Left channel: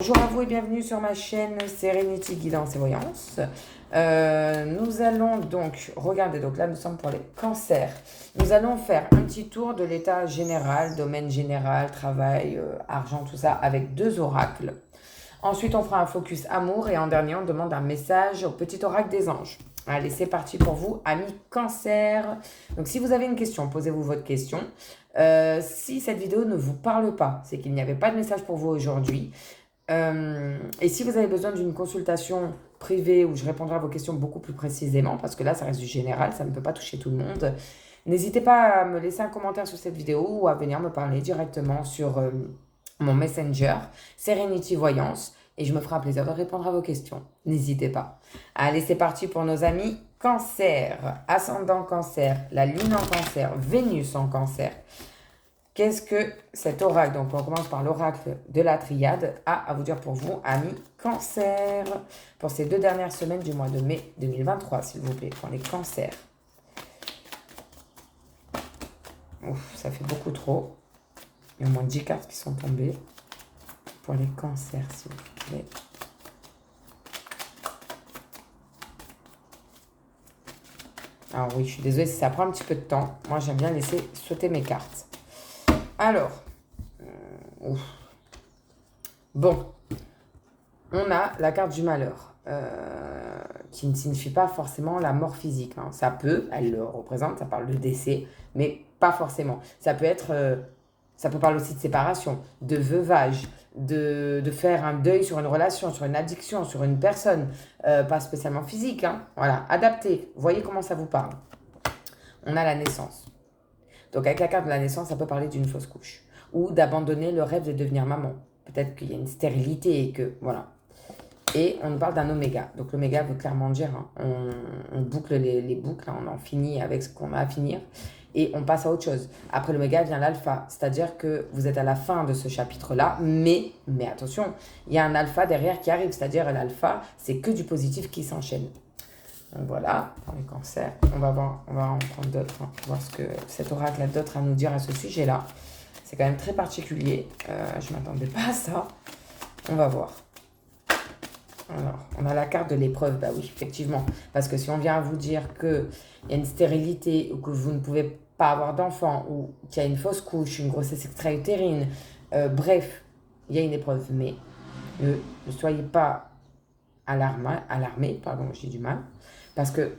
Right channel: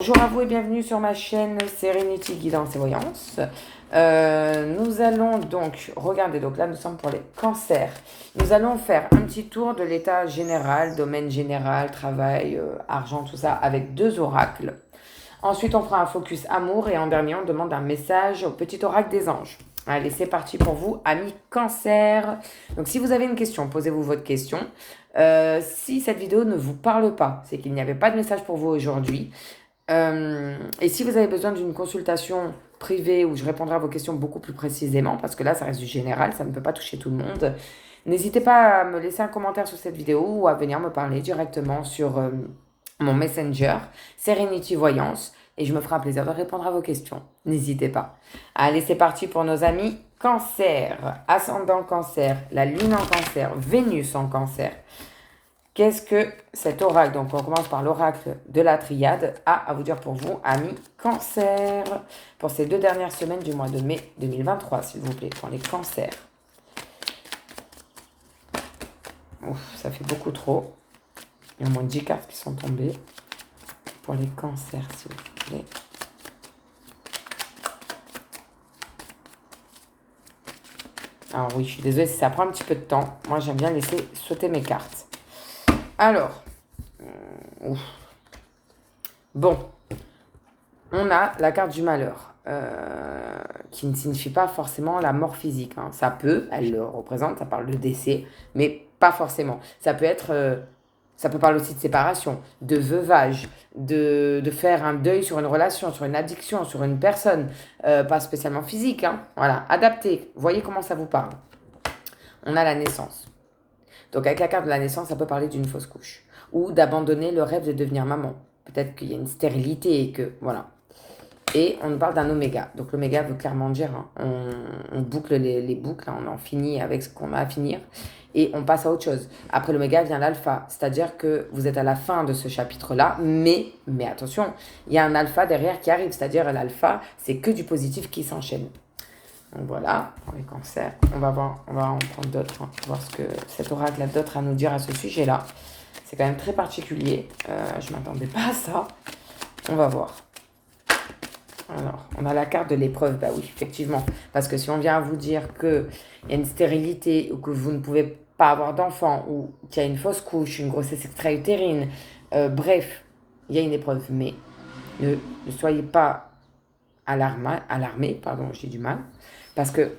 Bonjour à vous et bienvenue sur ma chaîne Serenity Guidance et Voyance. Nous allons donc regarder, donc là nous sommes pour les cancers. Nous allons faire un petit tour de l'état général, domaine général, travail, argent, tout ça, avec deux oracles. Ensuite on fera un focus amour et en dernier on demande un message au petit oracle des anges. Allez, c'est parti pour vous, amis cancer. Donc si vous avez une question, posez-vous votre question. Si cette vidéo ne vous parle pas, c'est qu'il n'y avait pas de message pour vous aujourd'hui. Et si vous avez besoin d'une consultation privée où je répondrai à vos questions beaucoup plus précisément, parce que là, ça reste du général, ça ne peut pas toucher tout le monde, n'hésitez pas à me laisser un commentaire sous cette vidéo ou à venir me parler directement sur mon Messenger, Serenity Voyance, et je me ferai un plaisir de répondre à vos questions. N'hésitez pas. Allez, c'est parti pour nos amis cancer, ascendant cancer, la lune en cancer, Vénus en cancer. Qu'est-ce que cet oracle, donc on commence par l'oracle de la triade, a à vous dire pour vous, amis cancer, pour ces 2 dernières semaines du mois de mai 2023, s'il vous plaît, pour les cancers. Ouf, ça fait beaucoup trop. Il y a au moins 10 cartes qui sont tombées. Pour les cancers, s'il vous plaît. Alors oui, je suis désolée si ça prend un petit peu de temps. Moi, j'aime bien laisser sauter mes cartes. Alors, ouf. Bon, on a la carte du malheur, qui ne signifie pas forcément la mort physique. Hein. Ça peut, elle le représente, ça parle de décès, mais pas forcément. Ça peut être, ça peut parler aussi de séparation, de veuvage, de faire un deuil sur une relation, sur une addiction, sur une personne, pas spécialement physique. Hein. Voilà, adapté. Voyez comment ça vous parle. On a la naissance. Donc avec la carte de la naissance, ça peut parler d'une fausse couche ou d'abandonner le rêve de devenir maman. Peut-être qu'il y a une stérilité et que, voilà. Et on nous parle d'un oméga. Donc l'oméga veut clairement dire, hein, on boucle les boucles, hein, on en finit avec ce qu'on a à finir et on passe à autre chose. Après l'oméga vient l'alpha, c'est-à-dire que vous êtes à la fin de ce chapitre-là, mais attention, il y a un alpha derrière qui arrive, c'est-à-dire l'alpha, c'est que du positif qui s'enchaîne. Donc voilà, pour les cancers, on va en prendre d'autres, hein, voir ce que cet oracle a d'autre à nous dire à ce sujet-là. C'est quand même très particulier, je ne m'attendais pas à ça. On va voir. Alors, on a la carte de l'épreuve, bah oui, effectivement. Parce que si on vient vous dire qu'il y a une stérilité ou que vous ne pouvez pas avoir d'enfant ou qu'il y a une fausse couche, une grossesse extra-utérine, bref, il y a une épreuve. Mais ne soyez pas alarmés, pardon, j'ai du mal. Parce que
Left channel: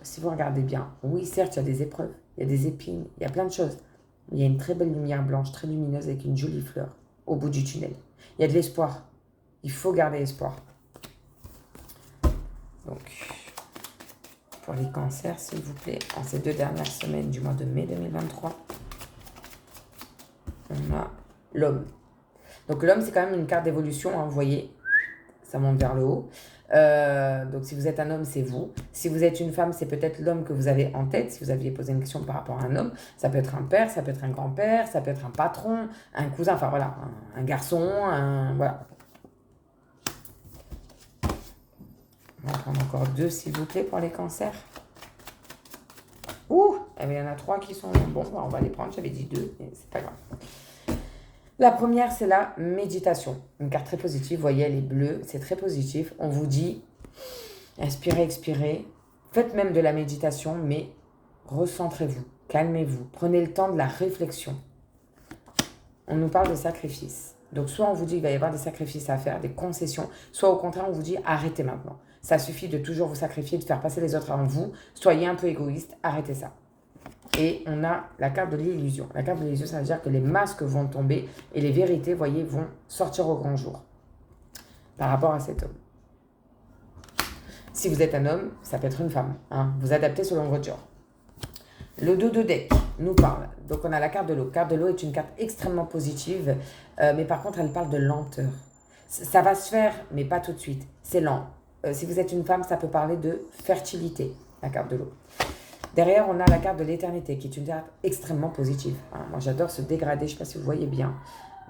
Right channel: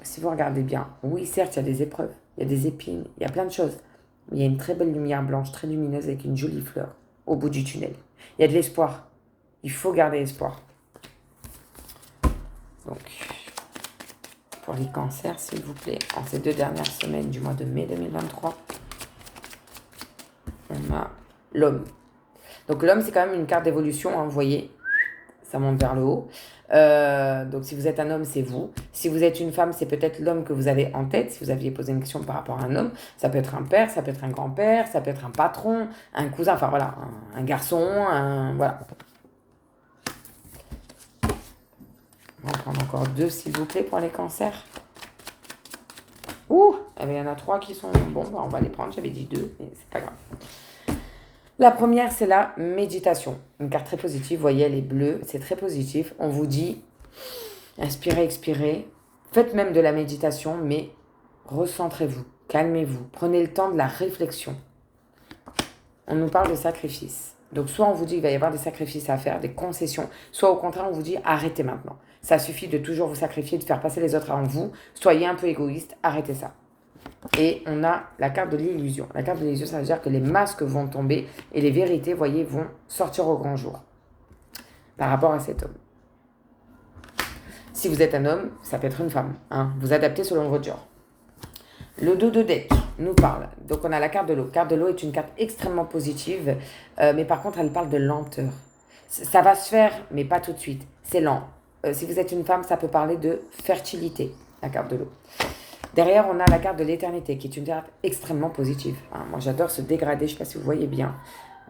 si vous regardez bien, oui, certes, il y a des épreuves, il y a des épines, il y a plein de choses. Il y a une très belle lumière blanche, très lumineuse, avec une jolie fleur au bout du tunnel. Il y a de l'espoir. Il faut garder espoir. Donc, pour les cancers, s'il vous plaît, en ces 2 dernières semaines du mois de mai 2023, on a l'homme. Donc, l'homme, c'est quand même une carte d'évolution, hein, vous voyez, ça monte vers le haut. Donc, si vous êtes un homme, c'est vous. Si vous êtes une femme, c'est peut-être l'homme que vous avez en tête. Si vous aviez posé une question par rapport à un homme, ça peut être un père, ça peut être un grand-père, ça peut être un patron, un cousin, enfin voilà, un garçon, voilà. On va prendre encore 2, s'il vous plaît, pour les cancers. Ouh, eh bien, il y en a 3 qui sont... Bon, on va les prendre. J'avais dit 2, mais c'est pas grave. La première, c'est la méditation. Une carte très positive. Vous voyez, elle est bleue. C'est très positif. On vous dit, inspirez, expirez. Faites même de la méditation, mais recentrez-vous. Calmez-vous. Prenez le temps de la réflexion. On nous parle de sacrifice. Donc, soit on vous dit qu'il va y avoir des sacrifices à faire, des concessions, soit au contraire, on vous dit arrêtez maintenant. Ça suffit de toujours vous sacrifier, de faire passer les autres avant vous. Soyez un peu égoïste, arrêtez ça. Et on a la carte de l'illusion. La carte de l'illusion, ça veut dire que les masques vont tomber et les vérités, voyez, vont sortir au grand jour par rapport à cet homme. Si vous êtes un homme, ça peut être une femme. Hein, vous adaptez selon votre genre. Le dos de deck nous parle. Donc on a la carte de l'eau. La carte de l'eau est une carte extrêmement positive, mais par contre elle parle de lenteur. Ça va se faire, mais pas tout de suite. C'est lent. Si vous êtes une femme, ça peut parler de fertilité, la carte de l'eau. Derrière, on a la carte de l'éternité, qui est une carte extrêmement positive. Hein, moi, j'adore ce dégradé, je ne sais pas si vous voyez bien.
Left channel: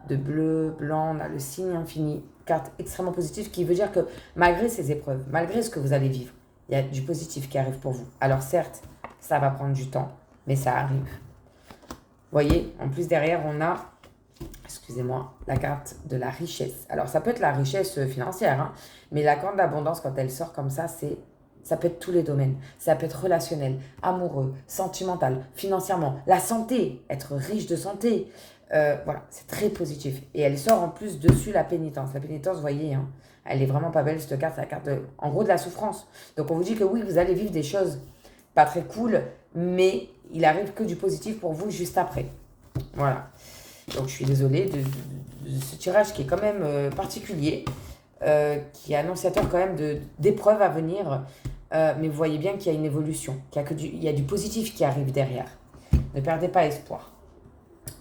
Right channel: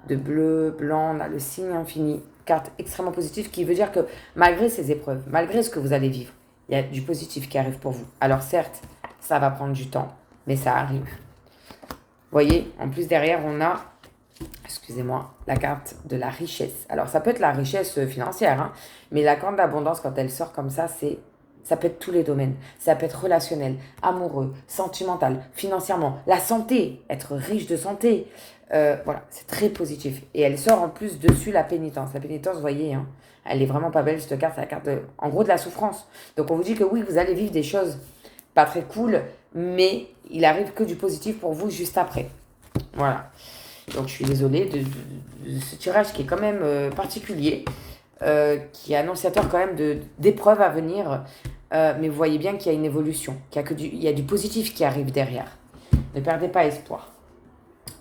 De bleu, blanc, on a le signe infini. Carte extrêmement positive qui veut dire que malgré ces épreuves, malgré ce que vous allez vivre, il y a du positif qui arrive pour vous. Alors certes, ça va prendre du temps, mais ça arrive. Vous voyez, en plus derrière, on a excusez-moi, la carte de la richesse. Alors, ça peut être la richesse financière, hein, mais la carte d'abondance, quand elle sort comme ça peut être tous les domaines. Ça peut être relationnel, amoureux, sentimental, financièrement, la santé, être riche de santé. Voilà, c'est très positif. Et elle sort en plus dessus la pénitence. La pénitence, vous voyez, hein, elle est vraiment pas belle, cette carte. C'est la carte, en gros, de la souffrance. Donc, on vous dit que oui, vous allez vivre des choses pas très cool, mais il arrive que du positif pour vous juste après. Voilà. Donc je suis désolée de ce tirage qui est quand même particulier, qui est annonciateur quand même d'épreuves à venir. Mais vous voyez bien qu'il y a une évolution, il y a du positif qui arrive derrière. Ne perdez pas espoir.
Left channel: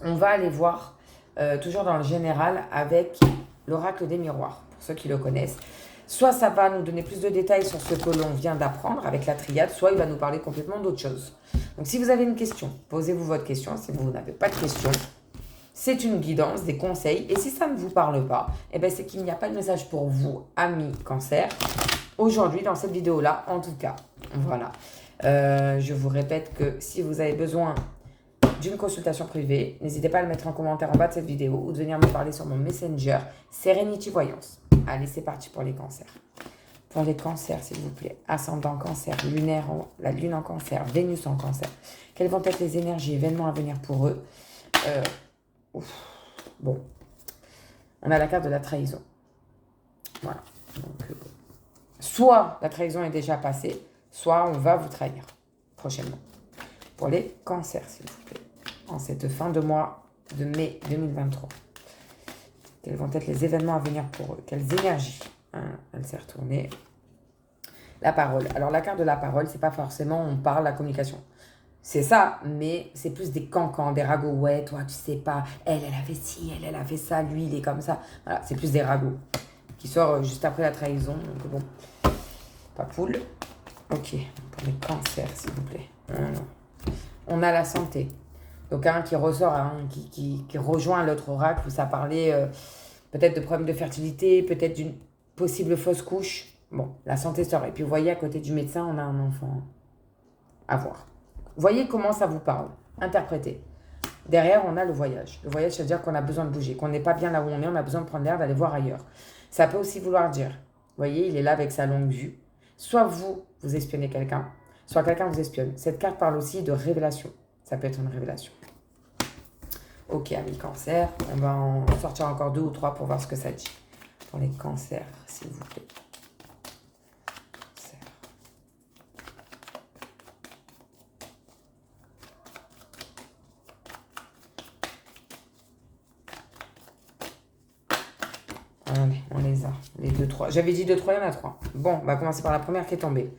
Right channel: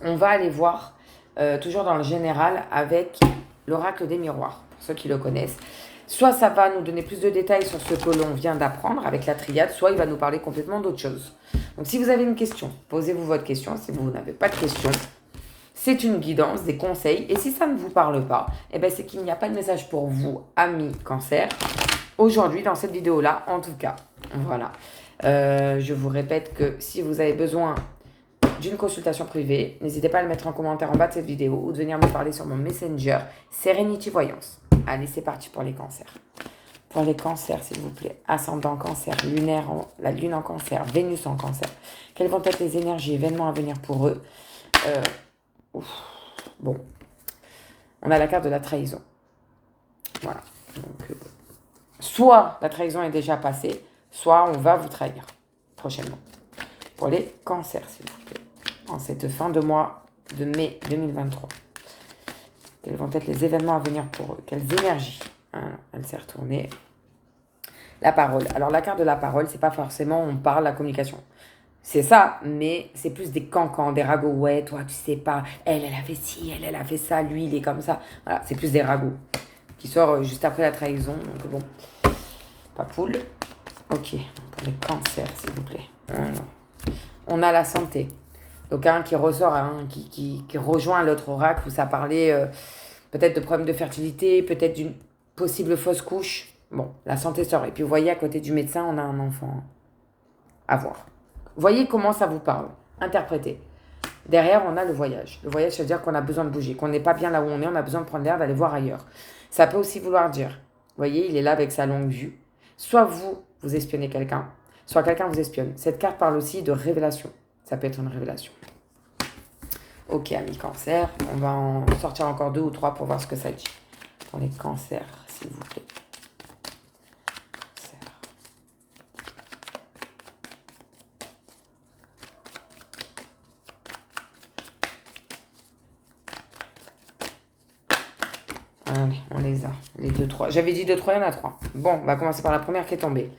On va aller voir, toujours dans le général, avec l'oracle des miroirs, pour ceux qui le connaissent. Soit ça va nous donner plus de détails sur ce que l'on vient d'apprendre avec la triade, soit il va nous parler complètement d'autre chose. Donc si vous avez une question, posez-vous votre question. Si vous n'avez pas de question, c'est une guidance, des conseils. Et si ça ne vous parle pas, eh ben c'est qu'il n'y a pas de message pour vous, amis cancer. Aujourd'hui, dans cette vidéo-là, en tout cas. Voilà. Je vous répète que si vous avez besoin d'une consultation privée, n'hésitez pas à le mettre en commentaire en bas de cette vidéo ou de venir me parler sur mon Messenger Serenity Voyance. Allez, c'est parti pour les cancers. Pour les cancers, s'il vous plaît. Ascendant cancer, lunaire, la lune en cancer, Vénus en cancer. Quelles vont être les énergies, événements à venir pour eux? Bon, on a la carte de la trahison. Voilà. Donc, soit la trahison est déjà passée, soit on va vous trahir prochainement. Pour les cancers, s'il vous plaît. En cette fin de mois de mai 2023. Quels vont être les événements à venir pour eux? Quelles énergies? Elle s'est retournée. La parole. Alors, la carte de la parole, c'est pas forcément on parle, la communication. C'est ça, mais c'est plus des cancans, des ragots. Ouais, toi, tu sais pas, elle a fait ci, elle a fait ça, lui, il est comme ça. Voilà, c'est plus des ragots qui sort juste après la trahison. Donc bon, pas cool. Ok, pour les cancers, s'il vous plaît. On a la santé. Donc un qui ressort, qui rejoint l'autre oracle où ça parlait peut-être de problèmes de fertilité, peut-être d'une possible fausse couche. Bon, la santé sort. Et puis vous voyez, à côté du médecin, on a un enfant à voir. Voyez comment ça vous parle. Interprétez. Derrière, on a le voyage. Le voyage, ça veut dire qu'on a besoin de bouger, qu'on n'est pas bien là où on a besoin de prendre l'air, d'aller voir ailleurs. Ça peut aussi vouloir dire, vous voyez, il est là avec sa longue vue. Soit vous espionnez quelqu'un, soit quelqu'un vous espionne. Cette carte parle aussi de révélation. Ça peut être une révélation. Ok, amis cancer, on va en sortir encore 2 ou 3 pour voir ce que ça dit. Pour les cancers, s'il vous plaît. Allez, on les a. Les 2, 3. J'avais dit 2, 3, il y en a 3. Bon, on va commencer par la première qui est tombée.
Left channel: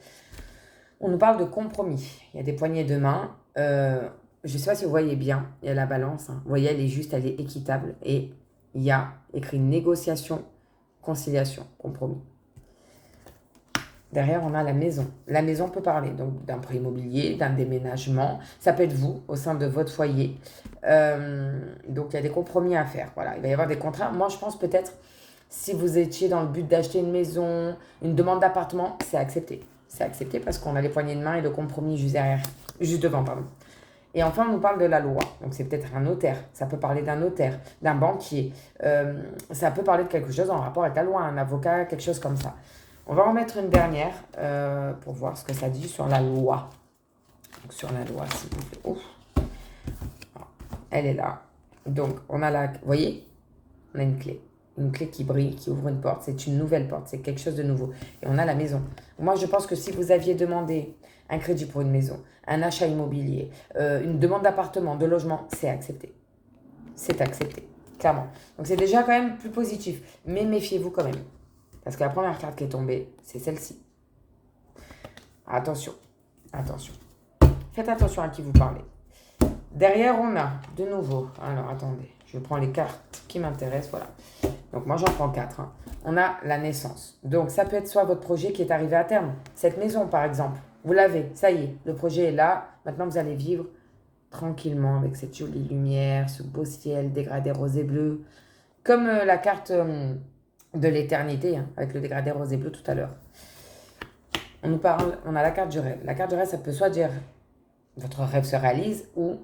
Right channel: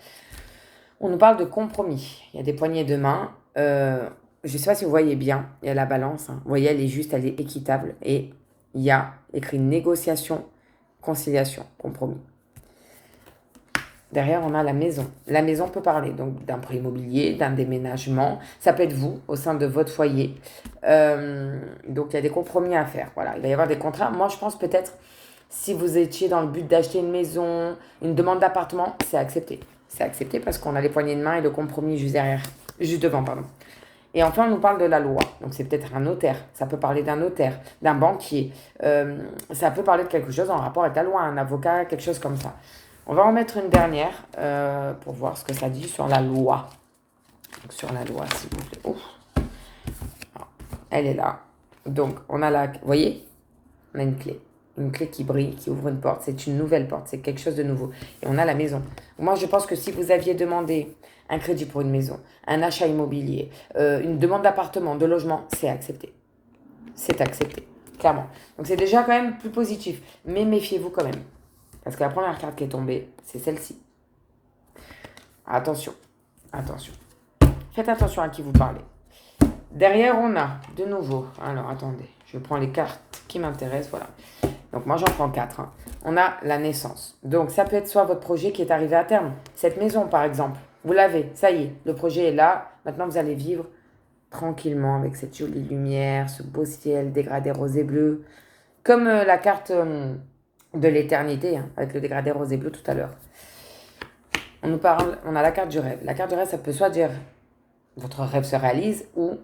On nous parle de compromis. Il y a des poignées de main. Je ne sais pas si vous voyez bien. Il y a la balance. Vous voyez, elle est juste, elle est équitable. Et il y a écrit négociation, conciliation, compromis. Derrière, on a la maison. La maison peut parler donc d'un prêt immobilier, d'un déménagement. Ça peut être vous, au sein de votre foyer. Donc, il y a des compromis à faire. Voilà, il va y avoir des contrats. Moi, je pense peut-être, si vous étiez dans le but d'acheter une maison, une demande d'appartement, c'est accepté. C'est accepté parce qu'on a les poignées de main et le compromis juste derrière, juste devant, pardon. Et enfin, on nous parle de la loi. Donc, c'est peut-être un notaire. Ça peut parler d'un notaire, d'un banquier. Ça peut parler de quelque chose en rapport avec la loi, un avocat, quelque chose comme ça. On va en mettre une dernière pour voir ce que ça dit sur la loi. Donc, sur la loi, s'il vous plaît. Ouf. Elle est là. Donc, on a la... Vous voyez? On a une clé. Une clé qui brille, qui ouvre une porte. C'est une nouvelle porte. C'est quelque chose de nouveau. Et on a la maison. Moi, je pense que si vous aviez demandé un crédit pour une maison, un achat immobilier, une demande d'appartement, de logement, c'est accepté. C'est accepté. Clairement. Donc, c'est déjà quand même plus positif. Mais méfiez-vous quand même. Parce que la première carte qui est tombée, c'est celle-ci. Attention. Attention. Faites attention à qui vous parlez. Derrière, on a, de nouveau... Alors, attendez. Je prends les cartes qui m'intéressent. Voilà. Donc, moi, j'en prends 4. On a la naissance. Donc, ça peut être soit votre projet qui est arrivé à terme. Cette maison, par exemple. Vous l'avez. Ça y est. Le projet est là. Maintenant, vous allez vivre tranquillement avec cette jolie lumière, ce beau ciel dégradé rosé bleu. Comme la carte de l'éternité, avec le dégradé rosé bleu tout à l'heure. On nous parle, on a la carte du rêve. La carte du rêve, ça peut soit dire votre rêve se réalise ou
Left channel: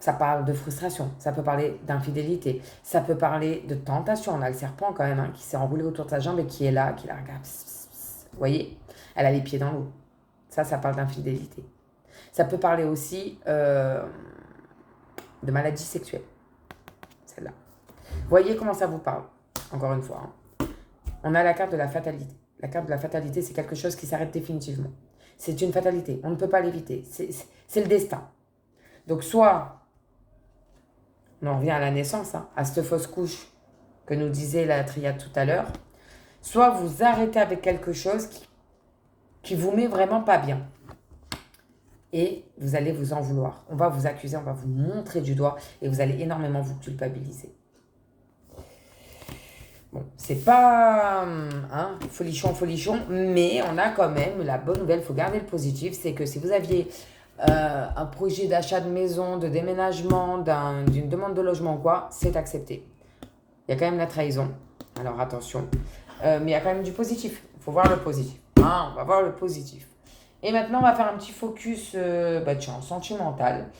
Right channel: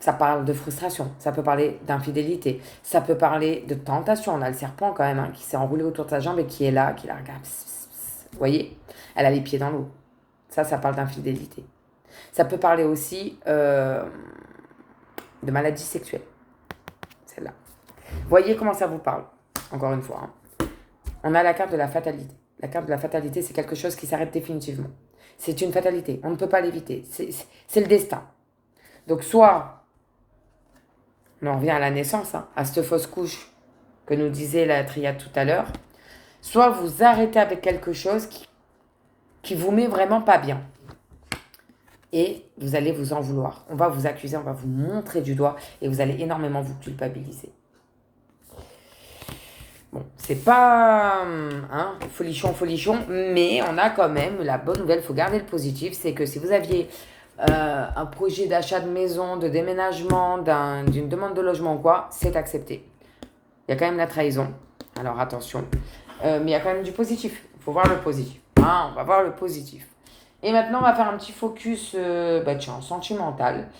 Ça parle de frustration, ça peut parler d'infidélité, ça peut parler de tentation. On a le serpent quand même hein, qui s'est enroulé autour de sa jambe et qui est là, qui la regarde. Vous voyez, elle a les pieds dans l'eau. Ça parle d'infidélité. Ça peut parler aussi de maladie sexuelle. Celle-là. Voyez comment ça vous parle, encore une fois. Hein. On a la carte de la fatalité. La carte de la fatalité, c'est quelque chose qui s'arrête définitivement. C'est une fatalité, on ne peut pas l'éviter. C'est le destin. Donc soit, on en revient à la naissance, hein, à cette fausse couche que nous disait la triade tout à l'heure, soit vous arrêtez avec quelque chose qui vous met vraiment pas bien. Et vous allez vous en vouloir. On va vous accuser, on va vous montrer du doigt et vous allez énormément vous culpabiliser. Bon, c'est pas folichon, mais on a quand même la bonne nouvelle, il faut garder le positif, c'est que si vous aviez un projet d'achat de maison, de déménagement, d'une demande de logement ou quoi, c'est accepté. Il y a quand même la trahison, alors attention, mais il y a quand même du positif, il faut voir le positif. On va voir le positif. Et maintenant, on va faire un petit focus sentimental.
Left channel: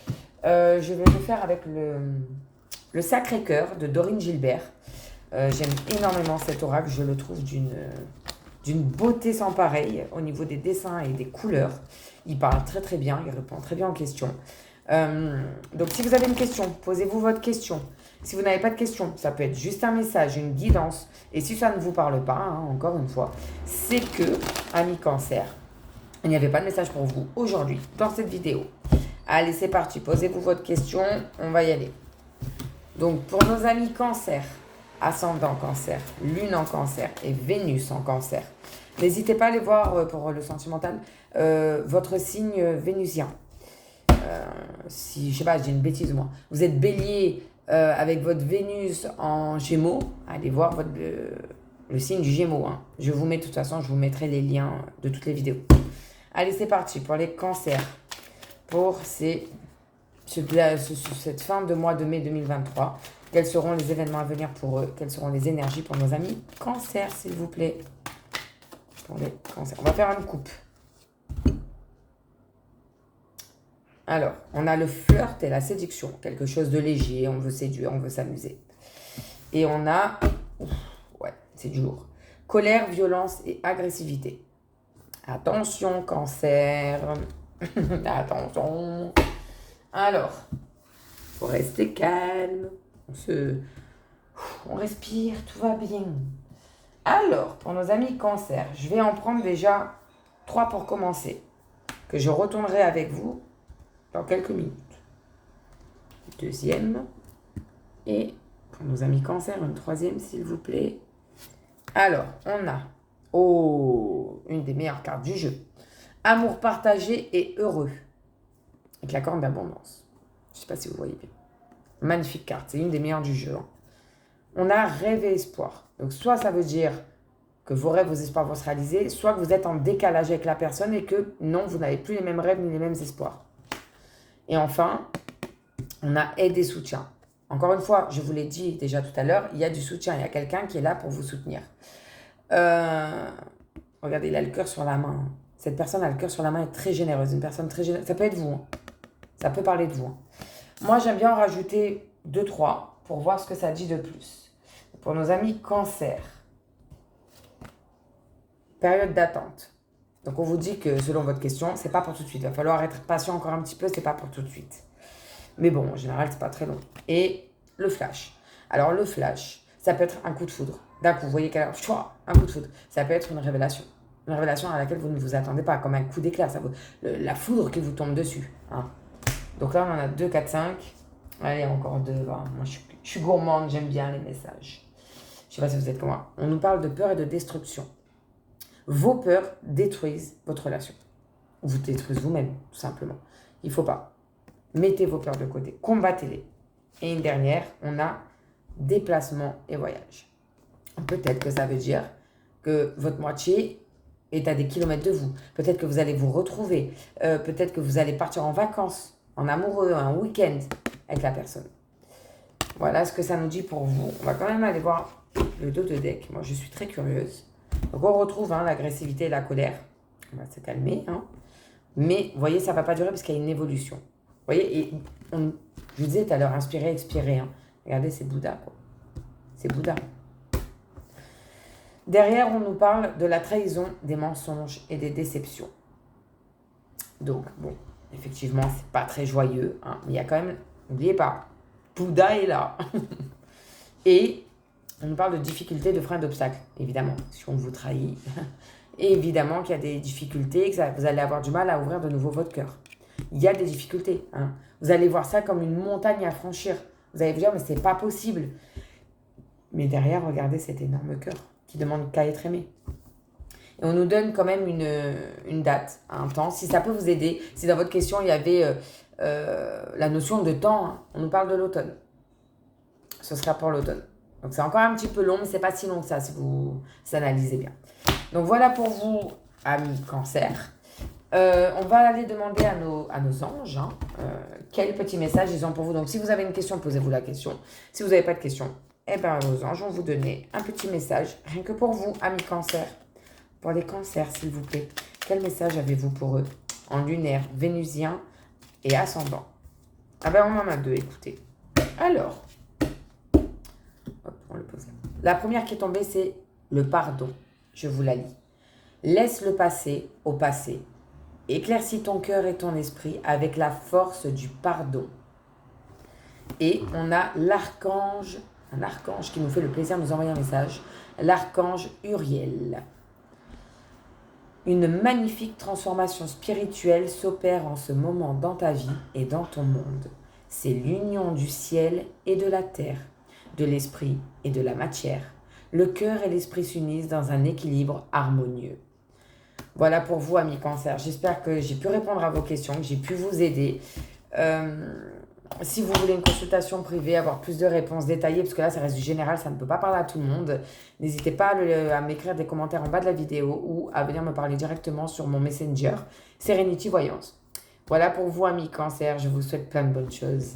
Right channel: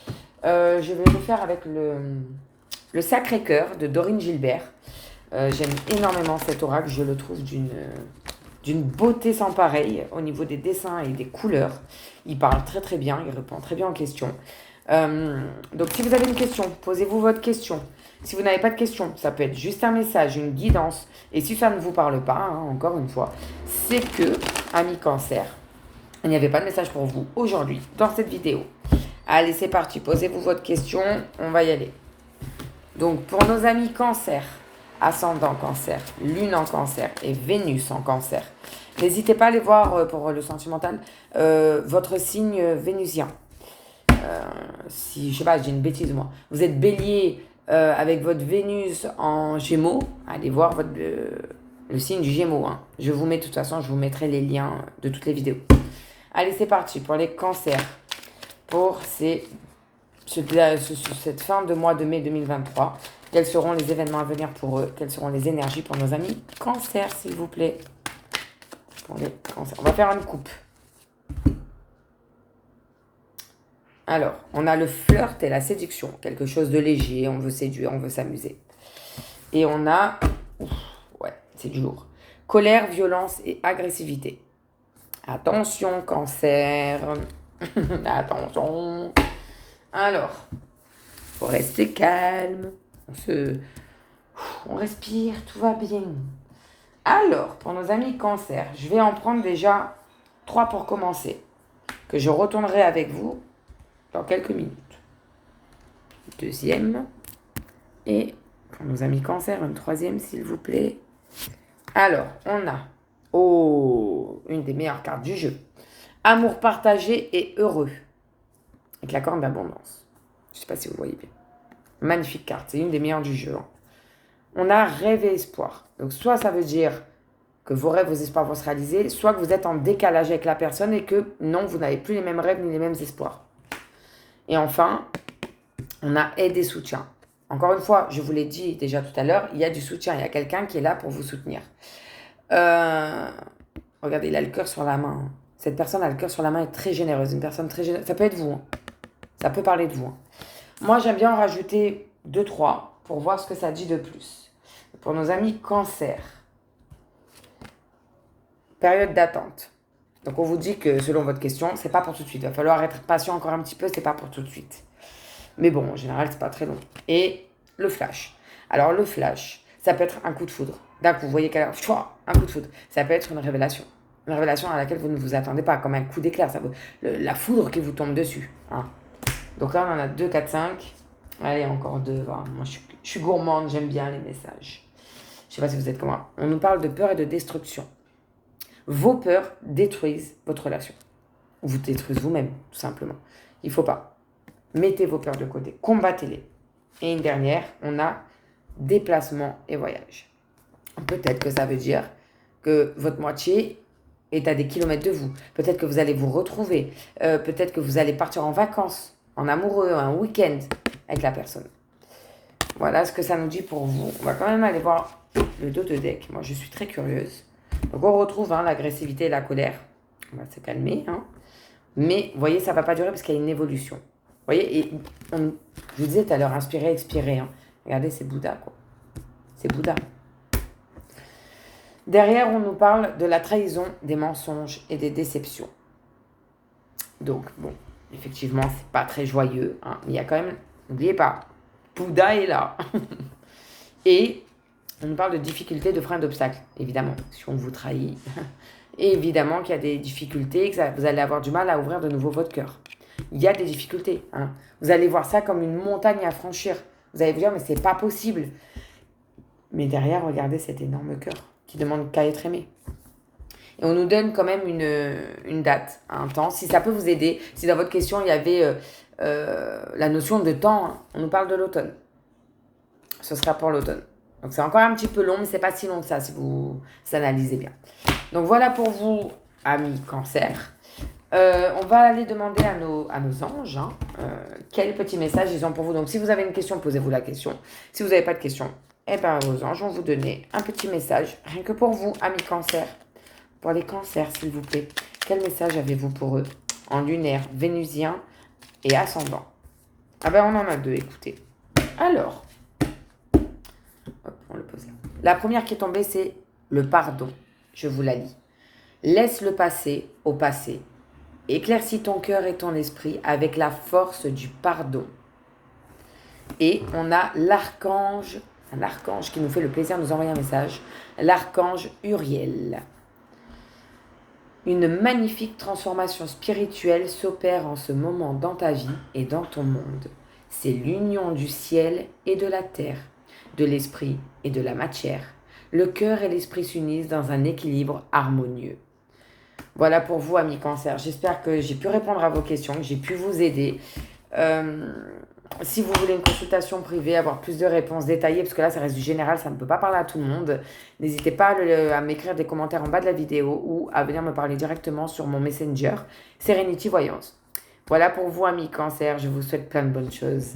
Je vais le faire avec le Sacré-Cœur de Dorine Gilbert. J'aime énormément cet oracle, je le trouve d'une beauté sans pareil au niveau des dessins et des couleurs. Il parle très très bien, il répond très bien aux questions. Donc si vous avez une question, posez-vous votre question. Si vous n'avez pas de question, ça peut être juste un message, une guidance. Et si ça ne vous parle pas, hein, encore une fois, c'est que, amis Cancer, il n'y avait pas de message pour vous aujourd'hui dans cette vidéo. Allez, c'est parti, posez-vous votre question, on va y aller. Donc pour nos amis Cancer, ascendant Cancer, Lune en Cancer et Vénus en Cancer. N'hésitez pas à aller voir pour le sentimental votre signe vénusien. Si, je sais pas, j'ai une bêtise moi. Vous êtes Bélier avec votre Vénus en Gémeaux. Allez voir le signe du Gémeaux. Hein. Je vous mets, de toute façon, je vous mettrai les liens de toutes les vidéos. Allez, c'est parti pour les Cancers. Pour cette fin de mois de mai 2023. Quels seront les événements à venir pour eux? Quelles seront les énergies pour nos amis Cancer, s'il vous plaît? Pour les Cancers. On va faire une coupe. Alors, on a le flirt et la séduction. Quelque chose de léger, on veut séduire, on veut s'amuser. Et on a... c'est du lourd. Colère, violence et agressivité. Attention, Cancer. Attention. Alors, faut rester calme. On respire, tout va bien. Alors, pour nos amis Cancer, je vais en prendre déjà 3 pour commencer, que je retournerai avec vous dans quelques minutes. Deuxième. Et pour nos amis Cancer, une 3e, s'il vous plaît. Alors, on a une des meilleures cartes du jeu. Amour partagé et heureux. Avec la corne d'abondance. Je ne sais pas si vous voyez bien. Magnifique carte, c'est une des meilleures du jeu. Hein. On a rêve et espoir. Donc soit ça veut dire que vos rêves, vos espoirs vont se réaliser, soit que vous êtes en décalage avec la personne et que non, vous n'avez plus les mêmes rêves ni les mêmes espoirs. Et enfin, on a aide et soutien. Encore une fois, je vous l'ai dit déjà tout à l'heure, il y a du soutien, il y a quelqu'un qui est là pour vous soutenir. Regardez, il a le cœur sur la main. Cette personne a le cœur sur la main, est très généreuse, une personne très généreuse. Ça peut être vous, hein. Ça peut parler de vous. Hein. Moi, j'aime bien en rajouter 2-3 pour voir ce que ça dit de plus. Pour nos amis Cancer, période d'attente. Donc, on vous dit que selon votre question, c'est pas pour tout de suite. Il va falloir être patient encore un petit peu, c'est pas pour tout de suite. Mais bon, en général, c'est pas très long. Et le flash. Alors, le flash, ça peut être un coup de foudre. D'un coup, vous voyez un coup de foudre. Ça peut être une révélation. Une révélation à laquelle vous ne vous attendez pas, comme un coup d'éclair. La foudre qui vous tombe dessus. Hein. Donc là, on en a 2, 4, 5. Allez, encore 2. Voilà. Moi, je suis gourmande, j'aime bien les messages. Je ne sais pas si vous êtes comme moi. On nous parle de peur et de destruction. Vos peurs détruisent votre relation. Vous détruisez vous-même, tout simplement. Il ne faut pas. Mettez vos peurs de côté. Combattez-les. Et une dernière, on a déplacement et voyage. Peut-être que ça veut dire que votre moitié est à des kilomètres de vous. Peut-être que vous allez vous retrouver. Peut-être que vous allez partir en vacances, en amoureux, un week-end avec la personne. Voilà ce que ça nous dit pour vous. On va quand même aller voir le dos de deck. Moi, je suis très curieuse. Donc, on retrouve l'agressivité et la colère. On va se calmer. Hein. Mais, vous voyez, ça ne va pas durer parce qu'il y a une évolution. Vous voyez, et je vous disais tout à l'heure, inspirer, expirer. Hein. Regardez, c'est Bouddha, quoi. C'est Bouddha. Derrière, on nous parle de la trahison, des mensonges et des déceptions. Donc, bon, effectivement, c'est pas très joyeux. Hein, mais il y a quand même, n'oubliez pas, Bouddha est là. Et on nous parle de difficultés, de freins, d'obstacles, évidemment, si on vous trahit. Et évidemment qu'il y a des difficultés, que vous allez avoir du mal à ouvrir de nouveau votre cœur. Il y a des difficultés. Hein. Vous allez voir ça comme une montagne à franchir. Vous allez vous dire, mais c'est pas possible. Mais derrière, regardez cet énorme cœur qui demande qu'à être aimé. Et on nous donne quand même une date, un temps, si ça peut vous aider. Si dans votre question, il y avait la notion de temps, hein, on nous parle de l'automne. Ce sera pour l'automne. Donc c'est encore un petit peu long, mais c'est pas si long que ça si vous analysez bien. Donc voilà pour vous, amis Cancer. On va aller demander à nos anges hein, quel petit message ils ont pour vous. Donc si vous avez une question, posez-vous la question. Si vous n'avez pas de question, eh bien vos anges vont vous donner un petit message, rien que pour vous, amis Cancer. Pour les cancers, s'il vous plaît, quel message avez-vous pour eux en lunaire, vénusien et ascendant? Ah ben on en a deux, écoutez. Alors, hop, on le pose. La première qui est tombée, c'est le pardon. Je vous la lis. Laisse le passé au passé. Éclaircis ton cœur et ton esprit avec la force du pardon. Et on a l'archange, un archange qui nous fait le plaisir de nous envoyer un message, l'archange Uriel. Une magnifique transformation spirituelle s'opère en ce moment dans ta vie et dans ton monde. C'est l'union du ciel et de la terre, de l'esprit et de la matière. Le cœur et l'esprit s'unissent dans un équilibre harmonieux. Voilà pour vous, amis Cancer. J'espère que j'ai pu répondre à vos questions, que j'ai pu vous aider. Si vous voulez une consultation privée, avoir plus de réponses détaillées, parce que là, ça reste du général, ça ne peut pas parler à tout le monde, n'hésitez pas à m'écrire des commentaires en bas de la vidéo ou à venir me parler directement sur mon Messenger, Serenity Voyance. Voilà pour vous, amis Cancer. Je vous souhaite plein de bonnes choses.